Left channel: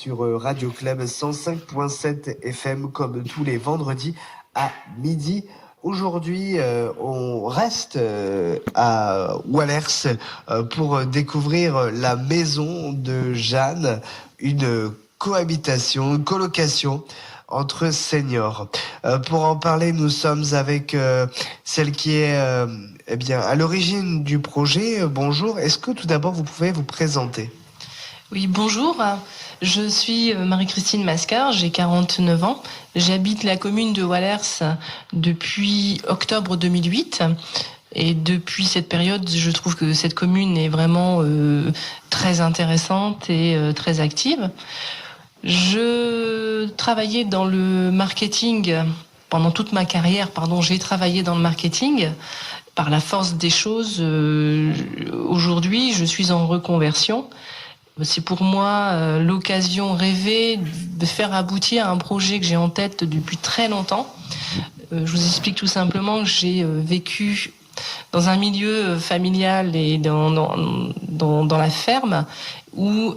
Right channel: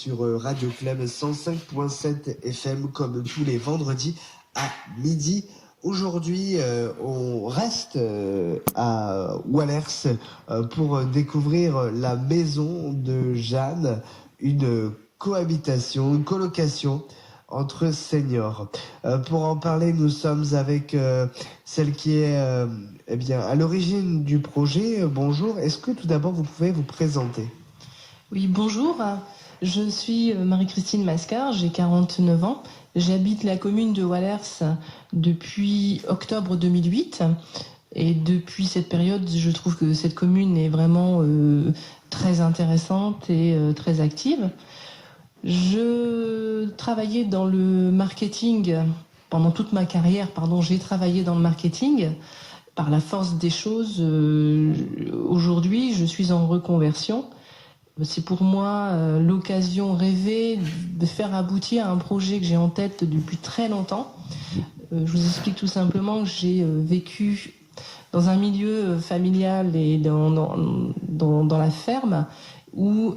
sur Radio Club 105.7 FM comme tous les vendredis à midi. Aujourd'hui, on reste à Wallers pour découvrir la maison de Jeanne, une cohabitation, une colocation entre seniors. Pour en parler, nous sommes avec celle qui est à l'origine du projet. Bonjour, est-ce que tout d'abord vous pouvez vous présenter ? Oui, bonjour. Je suis Marie-Christine Mascar, j'ai 49 ans. J'habite la commune de Wallers depuis octobre 2008. Et depuis cette période, je trouve que cette commune est vraiment très intéressante et très active. Je travaillais dans le marketing pendant toute ma carrière. J'ai travaillé dans le marketing. Par la force des choses, aujourd'hui, je suis en reconversion. C'est pour moi l'occasion rêvée de faire aboutir un projet que j'ai en tête depuis très longtemps. Je vous explique tout simplement que j'ai vécu dans un milieu familial et dans la ferme où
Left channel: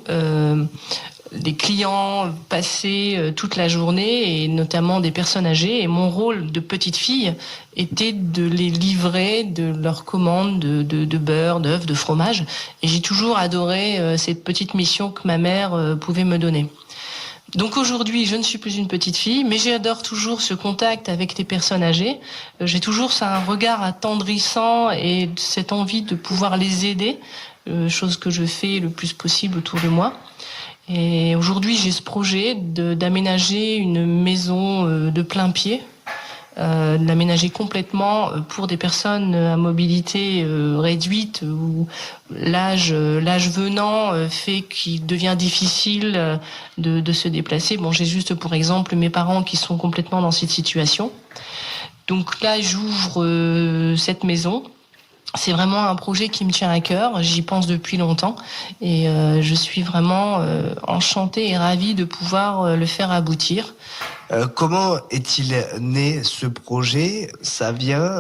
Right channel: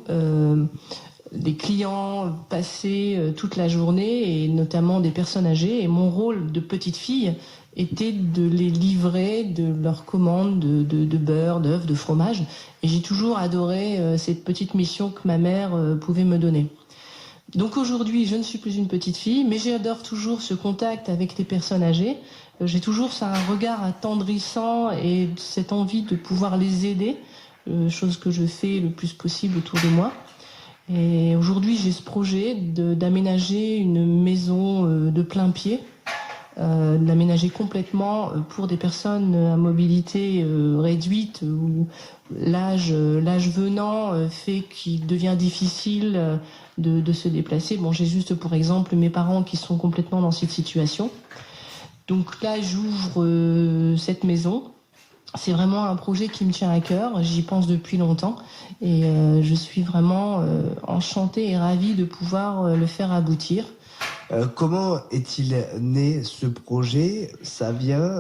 les clients passaient toute la journée et notamment des personnes âgées. Et mon rôle de petite fille était de les livrer de leurs commandes de beurre, d'œufs, de fromage. Et j'ai toujours adoré cette petite mission que ma mère pouvait me donner. Donc aujourd'hui, je ne suis plus une petite fille, mais j'adore toujours ce contact avec les personnes âgées. J'ai toujours un regard attendrissant et cette envie de pouvoir les aider, chose que je fais le plus possible autour de moi. Et aujourd'hui, j'ai ce projet d'aménager une maison de plein pied, de l'aménager complètement pour des personnes à mobilité réduite où l'âge venant fait qu'il devient difficile de se déplacer. Bon, j'ai juste pour exemple mes parents qui sont complètement dans cette situation. Donc là, j'ouvre cette maison. C'est vraiment un projet qui me tient à cœur, j'y pense depuis longtemps et je suis vraiment enchantée et ravie de pouvoir le faire aboutir. Comment est-il né ce projet ? Ça vient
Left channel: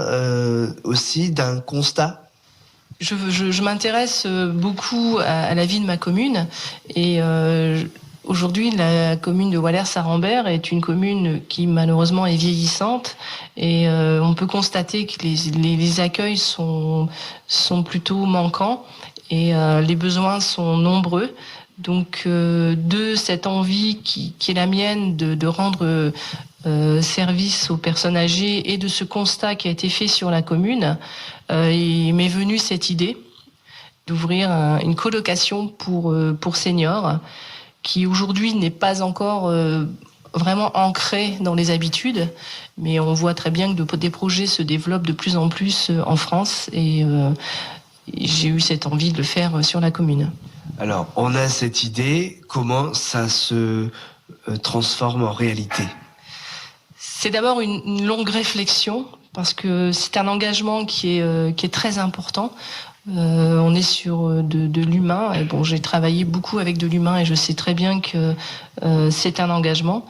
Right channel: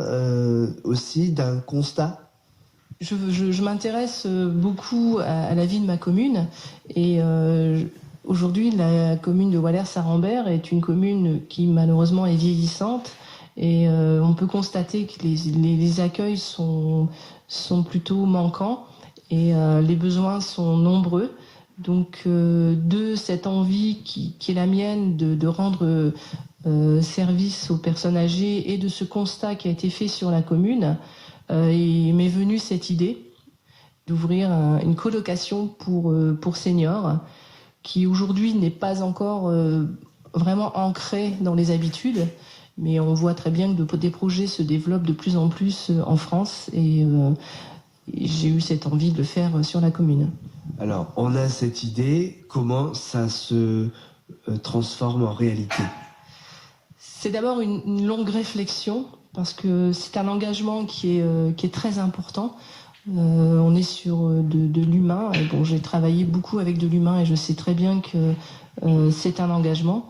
aussi d'un constat ? Je m'intéresse beaucoup à la vie de ma commune et aujourd'hui, la commune de Wallers-Arambert est une commune qui malheureusement est vieillissante et on peut constater que les accueils sont plutôt manquants et les besoins sont nombreux. Donc de cette envie qui est la mienne de rendre service aux personnes âgées et de ce constat qui a été fait sur la commune, il m'est venue cette idée d'ouvrir une colocation pour seniors qui aujourd'hui n'est pas encore vraiment ancré dans les habitudes, mais on voit très bien que des projets se développent de plus en plus en France et j'ai eu cette envie de le faire sur la commune. Alors, on a cette idée, comment ça se transforme en réalité ? C'est d'abord une longue réflexion, parce que c'est un engagement qui est très important. On est sur de l'humain. Et bon, j'ai travaillé beaucoup avec de l'humain et je sais très bien que c'est un engagement.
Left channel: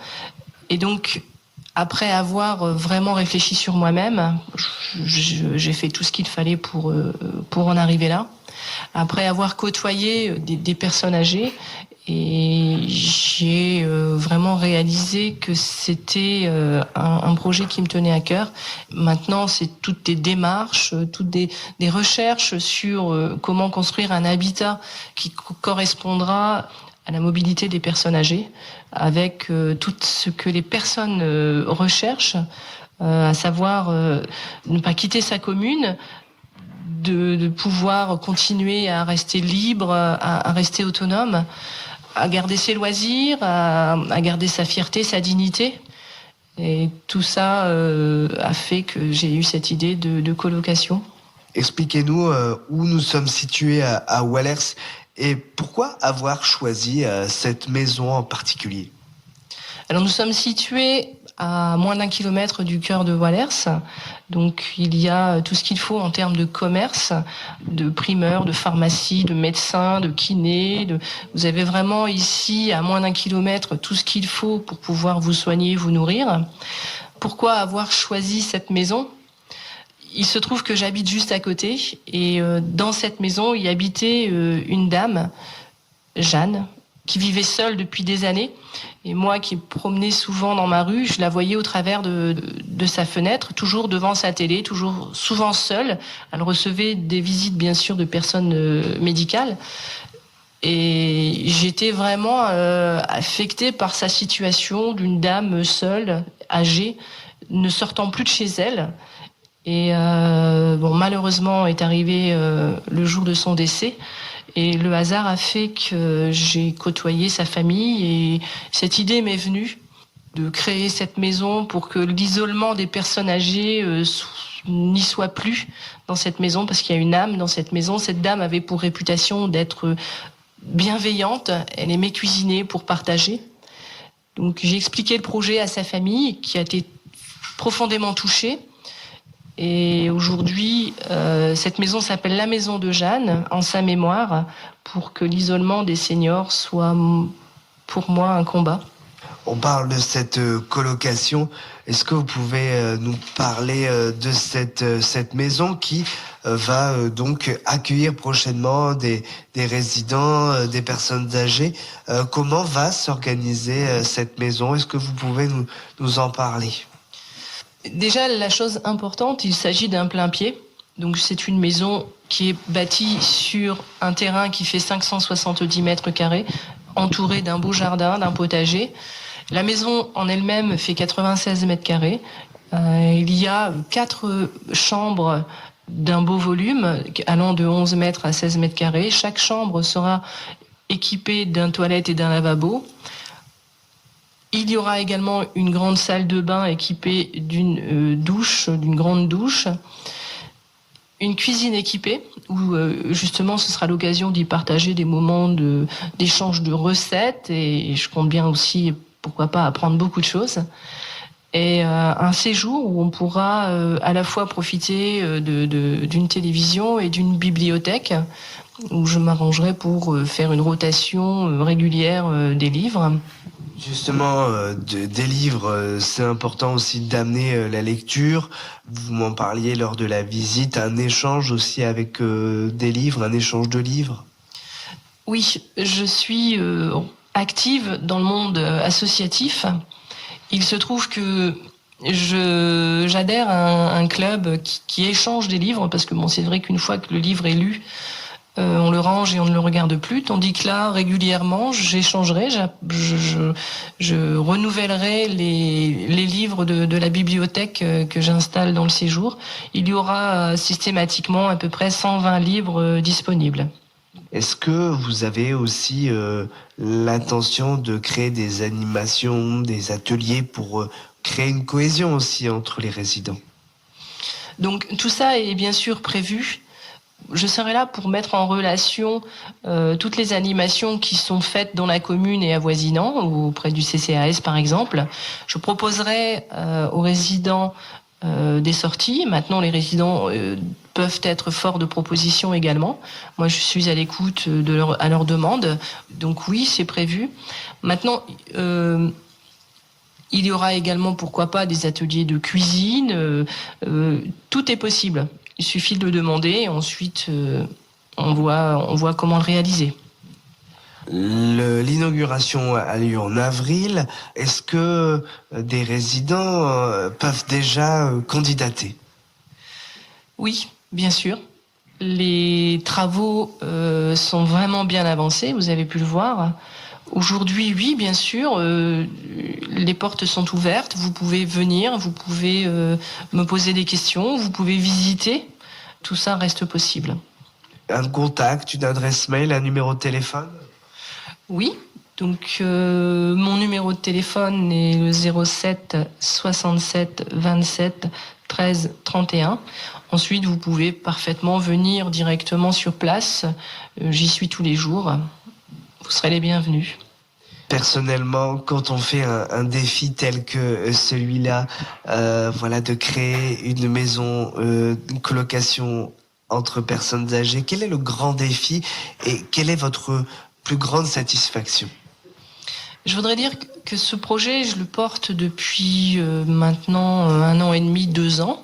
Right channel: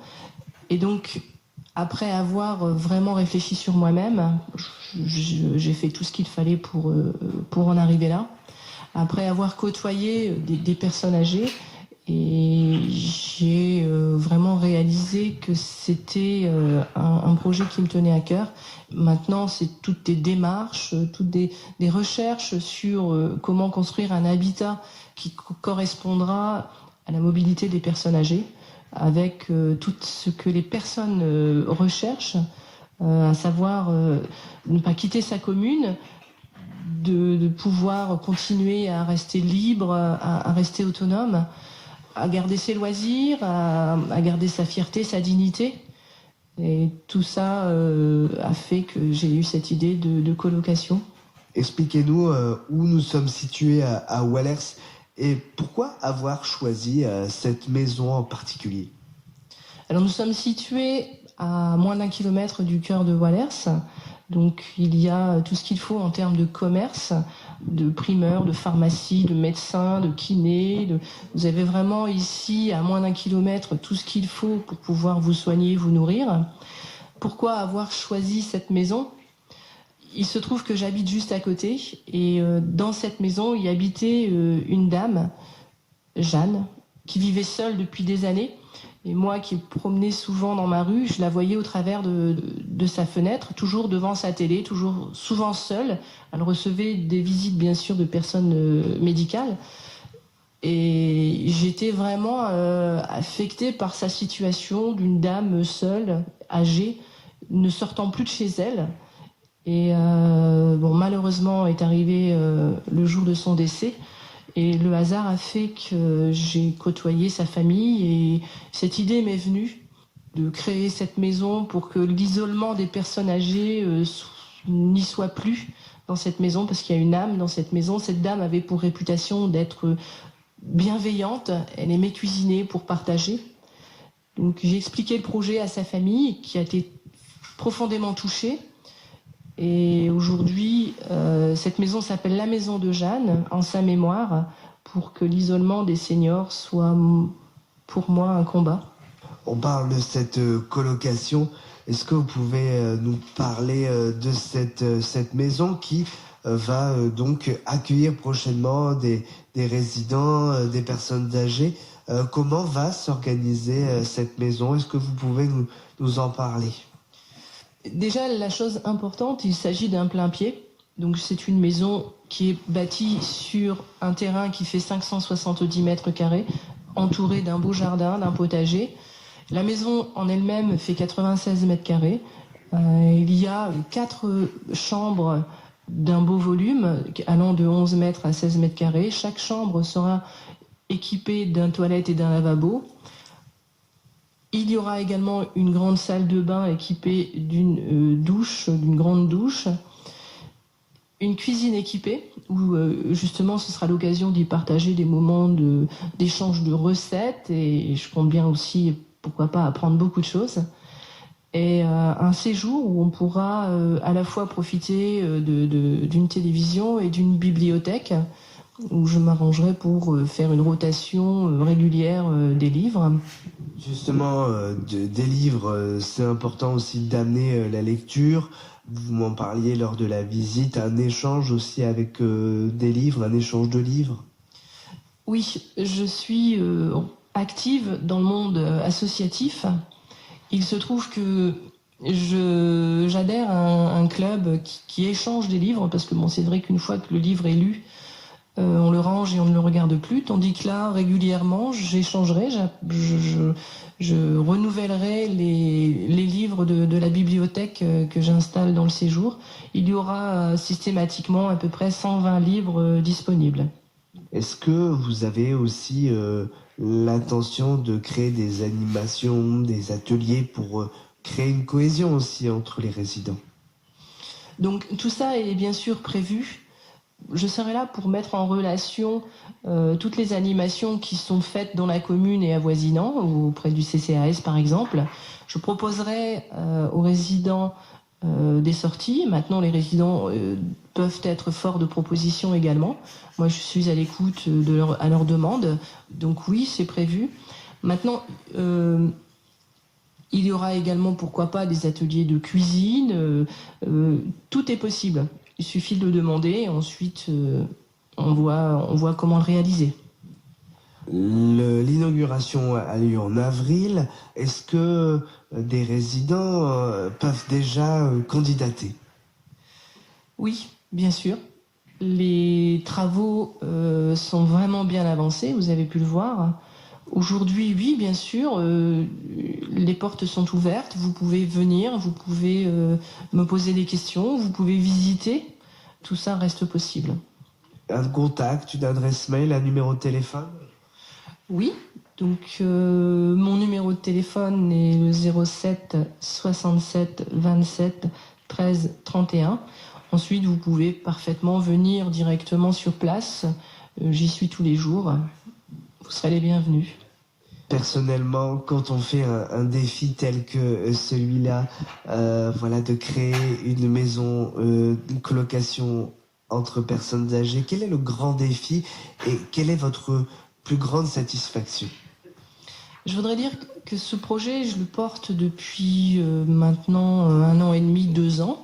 Et donc, après avoir vraiment réfléchi sur moi-même, j'ai fait tout ce qu'il fallait pour en arriver là. Après avoir côtoyé des personnes âgées, et j'ai vraiment réalisé que c'était un projet qui me tenait à cœur. Maintenant, c'est toutes des démarches, toutes des recherches sur comment construire un habitat qui correspondra à la mobilité des personnes âgées, avec tout ce que les personnes recherchent, à savoir ne pas quitter sa commune, de pouvoir continuer à rester libre, à rester autonome, à garder ses loisirs, à garder sa fierté, sa dignité. Et tout ça a fait que j'ai eu cette idée de colocation. Expliquez-nous où nous sommes situés à Wallers et pourquoi avoir choisi cette maison en particulier ? Alors nous sommes situés à moins d'1 kilomètre du cœur de Wallers. Donc il y a tout ce qu'il faut en termes de commerce, de primeurs, de pharmacie, de médecins, de kinés. Vous avez vraiment ici, à moins d'1 kilomètre, tout ce qu'il faut pour pouvoir vous soigner, vous nourrir. Pourquoi avoir choisi cette maison ? Il se trouve que j'habite juste à côté et dans cette maison, il habitait une dame, Jeanne, qui vivait seule depuis des années. Et moi qui me promenais souvent dans ma rue, je la voyais au travers de sa fenêtre, toujours devant sa télé, toujours souvent seule. Elle recevait des visites, bien sûr, de personnes médicales. Et j'étais vraiment affectée par sa situation d'une dame seule, âgée, ne sortant plus de chez elle. Et malheureusement est arrivé le jour de son décès. Et le hasard a fait que j'ai côtoyé sa famille et cette idée m'est venue de créer cette maison pour que l'isolement des personnes âgées n'y soit plus dans cette maison, parce qu'il y a une âme dans cette maison. Cette dame avait pour réputation d'être bienveillante, elle aimait cuisiner pour partager. Donc j'ai expliqué le projet à sa famille qui a été profondément touchée. Et aujourd'hui, cette maison s'appelle la Maison de Jeanne, en sa mémoire, pour que l'isolement des seniors soit, pour moi, un combat. On parle de cette colocation. Est-ce que vous pouvez nous parler de cette maison qui va donc accueillir prochainement des résidents, des personnes âgées? Comment va s'organiser cette maison? Est-ce que vous pouvez nous en parler? Déjà, la chose importante, il s'agit d'un plein pied. Donc, c'est une maison qui est bâtie sur un terrain qui fait 570 mètres carrés, entourée d'un beau jardin, d'un potager. La maison en elle-même fait 96 mètres carrés. Il y a 4 chambres d'un beau volume, allant de 11 mètres à 16 mètres carrés. Chaque chambre sera équipée d'un toilette et d'un lavabo. Il y aura également une grande salle de bain équipée d'une douche, d'une grande douche, une cuisine équipée où justement ce sera l'occasion d'y partager des moments d'échange de recettes et je compte bien aussi, pourquoi pas, apprendre beaucoup de choses. Et un séjour où on pourra à la fois profiter d'une télévision et d'une bibliothèque où je m'arrangerai pour faire une rotation régulière des livres. Justement, des livres, c'est important aussi d'amener la lecture. Vous m'en parliez lors de la visite, un échange aussi avec des livres, un échange de livres. Oui, je suis active dans le monde associatif. Il se trouve que j'adhère à un club qui échange des livres, parce que c'est vrai qu'une fois que le livre est lu, on le range et on ne le regarde plus, tandis que là, régulièrement, j'échangerai, je renouvellerai les livres de la bibliothèque que j'installe dans le séjour. Il y aura systématiquement à peu près 120 livres disponibles. Est-ce que vous avez aussi l'intention de créer des animations, des ateliers pour créer une cohésion aussi entre les résidents? Donc tout ça est bien sûr prévu. Je serai là pour mettre en relation toutes les animations qui sont faites dans la commune et avoisinant, auprès du CCAS par exemple. Je proposerai aux résidents des sorties. Maintenant, les résidents peuvent être forts de propositions également. Moi, je suis à l'écoute à leurs demandes. Donc oui, c'est prévu. Maintenant, il y aura également, pourquoi pas, des ateliers de cuisine. Tout est possible. Il suffit de le demander et ensuite on voit comment le réaliser. L'inauguration a lieu en avril. Est-ce que des résidents peuvent déjà candidater? Oui, bien sûr. Les travaux sont vraiment bien avancés, vous avez pu le voir. Aujourd'hui, oui, bien sûr, les portes sont ouvertes, vous pouvez venir, vous pouvez me poser des questions, vous pouvez visiter, tout ça reste possible. Un contact, une adresse mail, un numéro de téléphone? Oui, donc mon numéro de téléphone est le 07 67 27 13 31. Ensuite, vous pouvez parfaitement venir directement sur place, j'y suis tous les jours. Vous serez les bienvenus. Personnellement, quand on fait un défi tel que celui-là, de créer une maison, une colocation entre personnes âgées, quel est le grand défi et quelle est votre plus grande satisfaction? Je voudrais dire que ce projet, je le porte depuis maintenant 1 an et demi, 2 ans.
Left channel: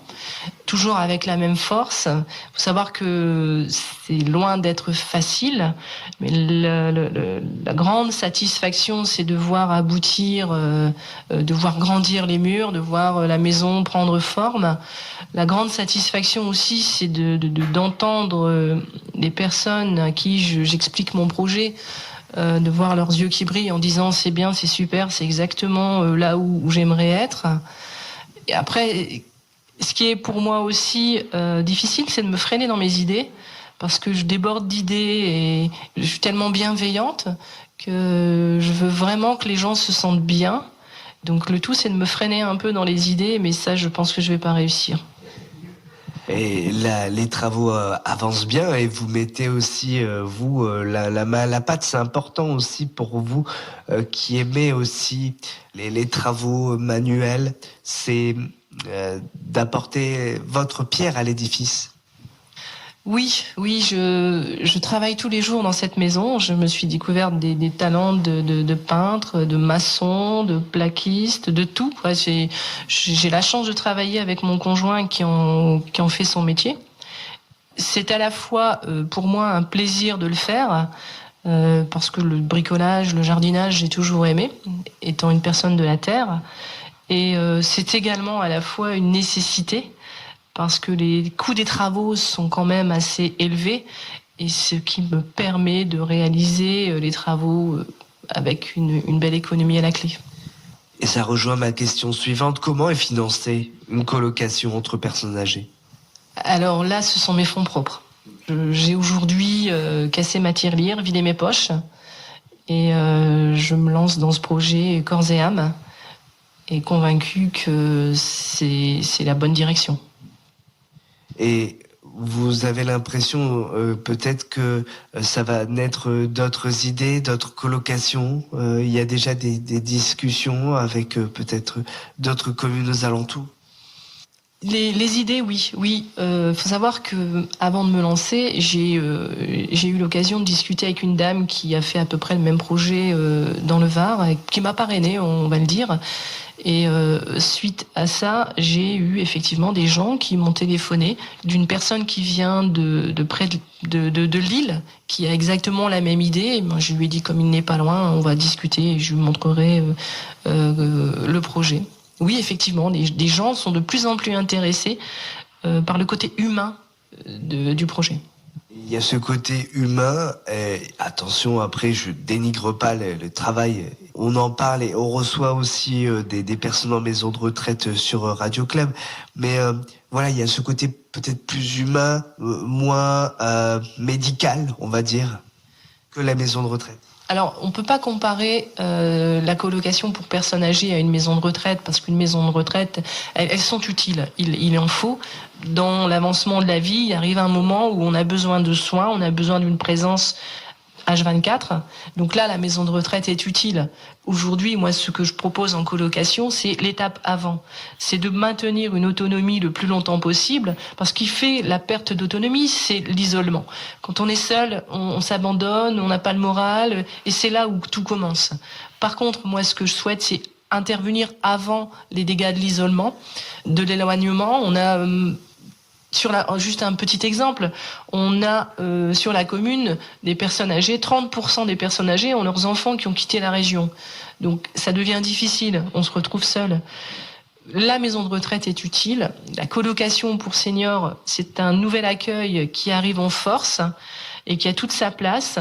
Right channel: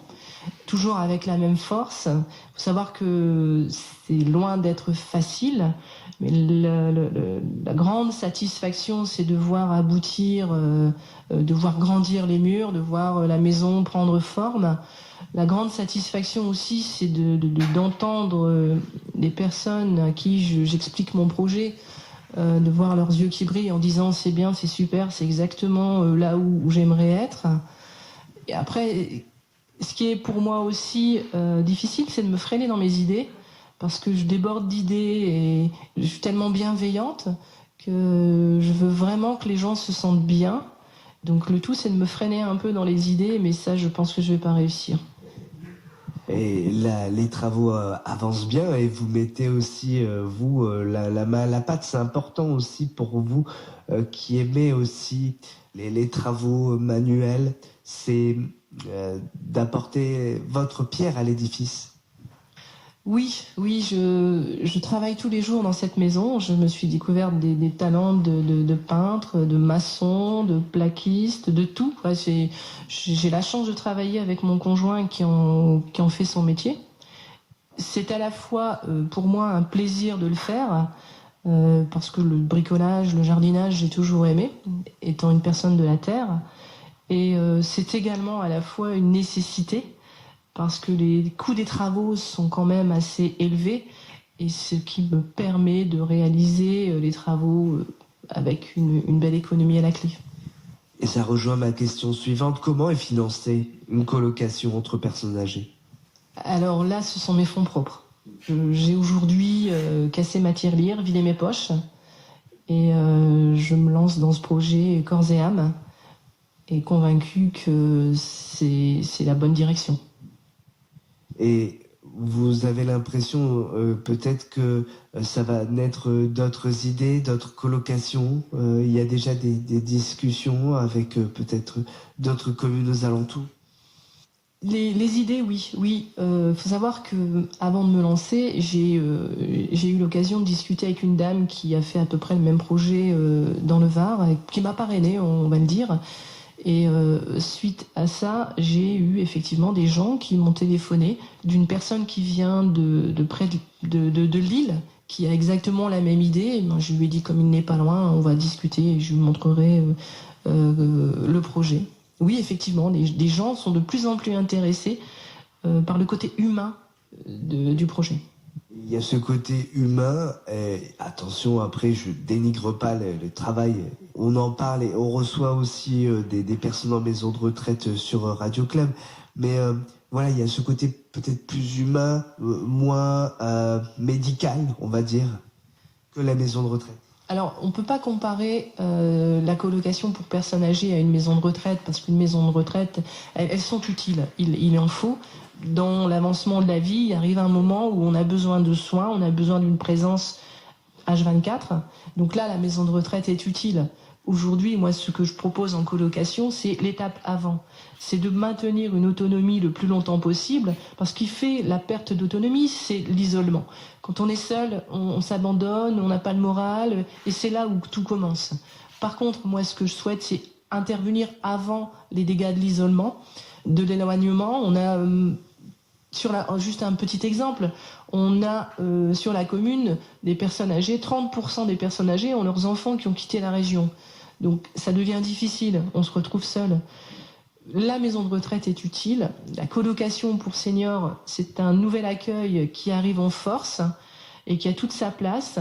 toujours avec la même force. Il faut savoir que c'est loin d'être facile, mais la grande satisfaction, c'est de voir aboutir, de voir grandir les murs, de voir la maison prendre forme. La grande satisfaction aussi, c'est d'entendre les personnes à qui j'explique mon projet, de voir leurs yeux qui brillent en disant c'est bien, c'est super, c'est exactement là où j'aimerais être. Et après, ce qui est pour moi aussi difficile, c'est de me freiner dans mes idées, parce que je déborde d'idées et je suis tellement bienveillante que je veux vraiment que les gens se sentent bien. Donc le tout, c'est de me freiner un peu dans les idées, mais ça, je pense que je vais pas réussir. Et là, les travaux avancent bien et vous mettez aussi, vous, la main à la pâte. C'est important aussi pour vous qui aimez aussi les travaux manuels, c'est d'apporter votre pierre à l'édifice. Oui, je travaille tous les jours dans cette maison. Je me suis découverte des talents de peintre, de maçon, de plaquiste, de tout. J'ai la chance de travailler avec mon conjoint qui en fait son métier. C'est à la fois pour moi un plaisir de le faire, parce que le bricolage, le jardinage, j'ai toujours aimé, étant une personne de la terre. Et c'est également à la fois une nécessité, parce que les coûts des travaux sont quand même assez élevés, et ce qui me permet de réaliser les travaux avec une belle économie à la clé. Et ça rejoint ma question suivante. Comment est financée une colocation entre personnes âgées ? Alors là, ce sont mes fonds propres. J'ai aujourd'hui cassé ma tirelire, vidé mes poches, et je me lance dans ce projet corps et âme, et convaincue que c'est la bonne direction. Et vous avez l'impression peut-être que ça va naître d'autres idées, d'autres colocations. Il y a déjà des discussions avec peut-être d'autres communes aux alentours. Les idées, oui. Faut savoir que avant de me lancer, j'ai eu l'occasion de discuter avec une dame qui a fait à peu près le même projet dans le Var, qui m'a parrainée, on va le dire. Et suite à ça, j'ai eu effectivement des gens qui m'ont téléphoné, d'une personne qui vient de près de Lille, qui a exactement la même idée. Et moi, je lui ai dit, comme il n'est pas loin, on va discuter et je lui montrerai le projet. Oui, effectivement, des gens sont de plus en plus intéressés par le côté humain du projet. Il y a ce côté humain, et attention, après je dénigre pas le travail, on en parle et on reçoit aussi des personnes en maison de retraite sur Radio Club, mais voilà, il y a ce côté peut-être plus humain, moins médical, on va dire, que la maison de retraite. Alors, on ne peut pas comparer la colocation pour personnes âgées à une maison de retraite, parce qu'une maison de retraite, elles sont utiles, il en faut. Dans l'avancement de la vie, il arrive un moment où on a besoin de soins, on a besoin d'une présence H24. Donc là, la maison de retraite est utile. Aujourd'hui, moi, ce que je propose en colocation, c'est l'étape avant. C'est de maintenir une autonomie le plus longtemps possible, parce qu'il fait la perte d'autonomie, c'est l'isolement. Quand on est seul, on s'abandonne, on n'a pas le moral, et c'est là où tout commence. Par contre, moi, ce que je souhaite, c'est intervenir avant les dégâts de l'isolement, de l'éloignement. On a... juste un petit exemple, on a sur la commune des personnes âgées, 30% des personnes âgées ont leurs enfants qui ont quitté la région. Donc ça devient difficile, on se retrouve seul. La maison de retraite est utile. La colocation pour seniors, c'est un nouvel accueil qui arrive en force et qui a toute sa place.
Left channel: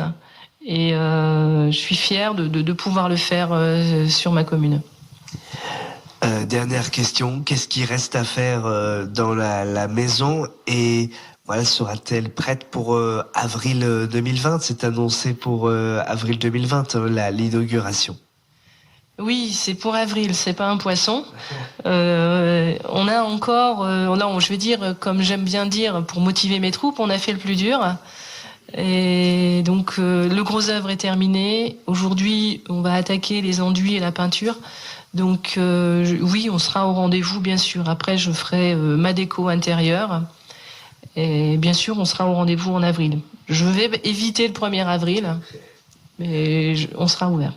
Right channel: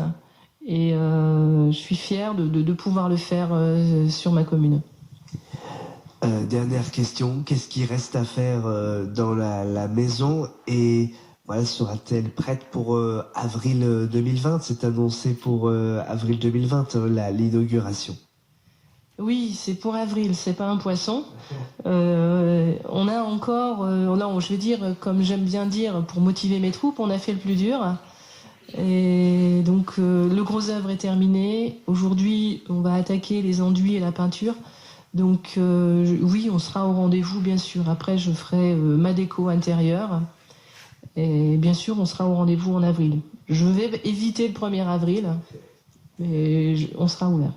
Et je suis fière de pouvoir le faire sur ma commune. Dernière question, qu'est-ce qui reste à faire dans la maison et voilà, sera-t-elle prête pour avril 2020 ? C'est annoncé pour avril 2020, l'inauguration. Oui, c'est pour avril, c'est pas un poisson. On a encore, je vais dire, comme j'aime bien dire, pour motiver mes troupes, on a fait le plus dur. Et donc le gros œuvre est terminé. Aujourd'hui, on va attaquer les enduits et la peinture. Donc oui, on sera au rendez-vous, bien sûr. Après, je ferai ma déco intérieure. Et bien sûr, on sera au rendez-vous en avril. Je vais éviter le 1er avril, mais on sera ouvert.